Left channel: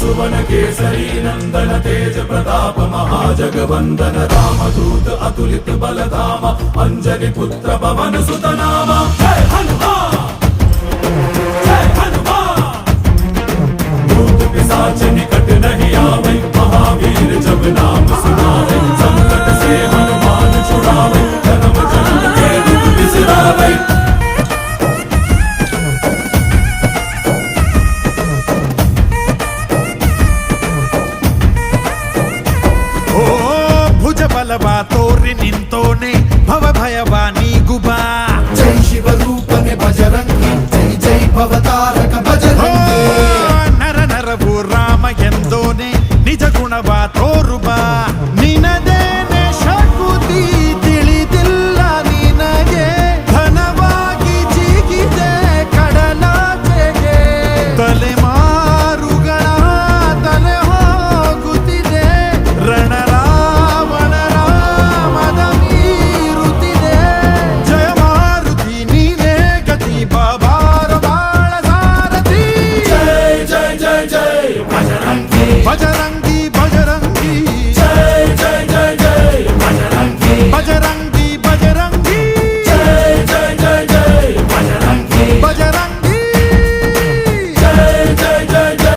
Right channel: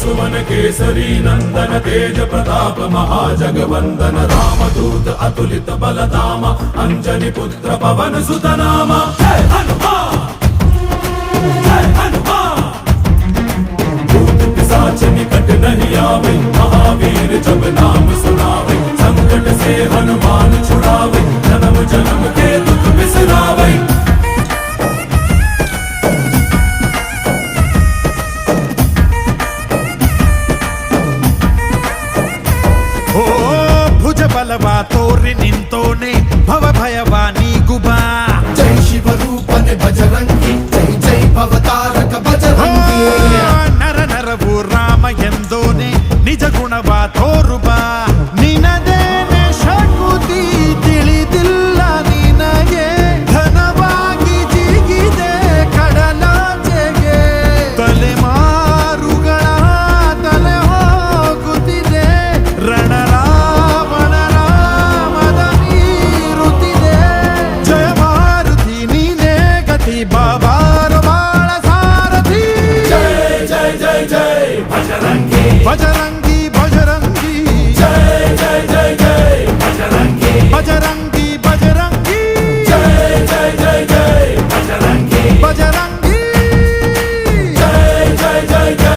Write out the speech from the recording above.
सुमन केसरी नंदन तेज प्रताप महाजगवंदन रामदूत अतुलित बलधाम अंजनी पुत्र पवन सुत नाम जय हनुमान जय हनुमान। भूत पिशाच निकट नहीं आवे महावीर जब नाम सुनावे संकट से हनुमान छुड़ावे जन्म जन्म के दुख बिसरावे। ಓ ಭುಜ ಬಲವ ತೋರಿ ನಿಂತೋನೆ ಭವ ಭಯವ ನೀಗುಬಾ ಜೈ ಶಿವ ರೂಪನೆ ಬಜರಂಗಿ ಜೈ ಜೈ ಭವತಾರಕ ಬಜರಂಗಿ ನರ ನರವು ರಾಮ ಎಂದೋನೆ ನಿಜ ಗುಣವ ತೋರುಬಾ ನಿನದೇನೆ ಶಕುತಿ ತಿಳಿದಿಲ್ಲ ನಿನಗೆ ಘನವಾಗಿ ಜಿಗಿದೆ ಕಡಲಾಚೆಗೆ ತಲೆಮಾರುಗಳ ತಲೆ ಹೋಗುತ್ತಿದೆ ರಣರಾವಣರ ಮದ ಮೀರುತ್ತಿದೆ ಜಯ ಮಾರುತಿ ನೀನೇ ಗತಿ ಬಾಬಾರ ಬಾಳ ಸಾರಥಿ जय जय जय जय बजरंगी ಬಜರಂಗಿ ಬಜರಂಗಿ जय जय जय जय बजरंगी ಬಜರಂಗಿ